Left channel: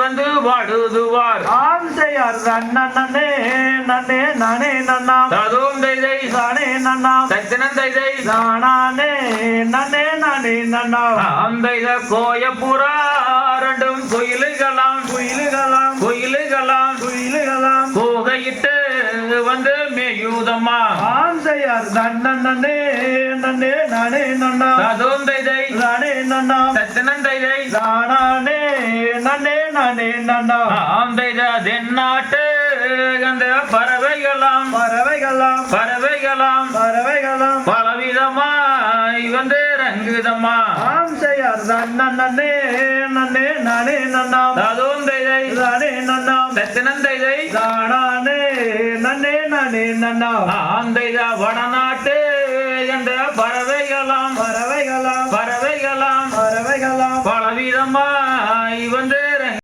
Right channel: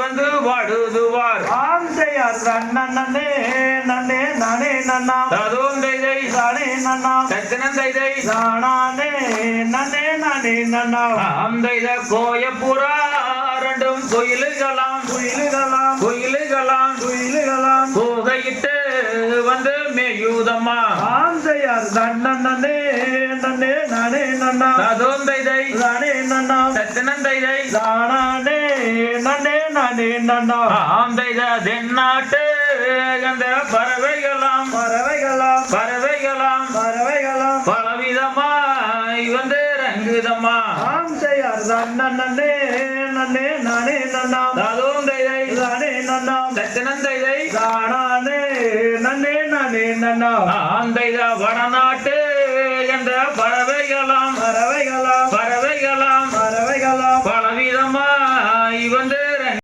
வந்து வாடுதுவார் ஆந்தையார் நன்னே நன்னே நானே நன்னா ததும் தைதை தானே நன்னா தத்தினம் தைதை தானே நன்னே நானே நன்னா ஆந்தைத கோயப்புறா ரெண்டும் கோயிலுகளாம் குயிலுகளாம் கோயிலுகளாம் குயிலுகளாம் கோகையிட்டு வந்து மேயூதம்மா ஆந்தையார் நன்னே நன்னே நானே நன்னா ததும் தைதை தானே நன்னா தத்தினம் தைதை தானே நன்னே நானே நன்னா ஆந்தைத தென்னாட்டு அந்த பறவைகளாம் பறவைகளாம் பறவைகளாம் பறவைகளாம் பலவிதமாய் வந்து ரங்குதம்மா ஆந்தையார் நன்னே நன்னே நானே நன்னா ததும் தைதை தானே நன்னா தத்தினம் தைதை தானே நன்னே நானே நன்னா ஆந்தைத வடநாட்டு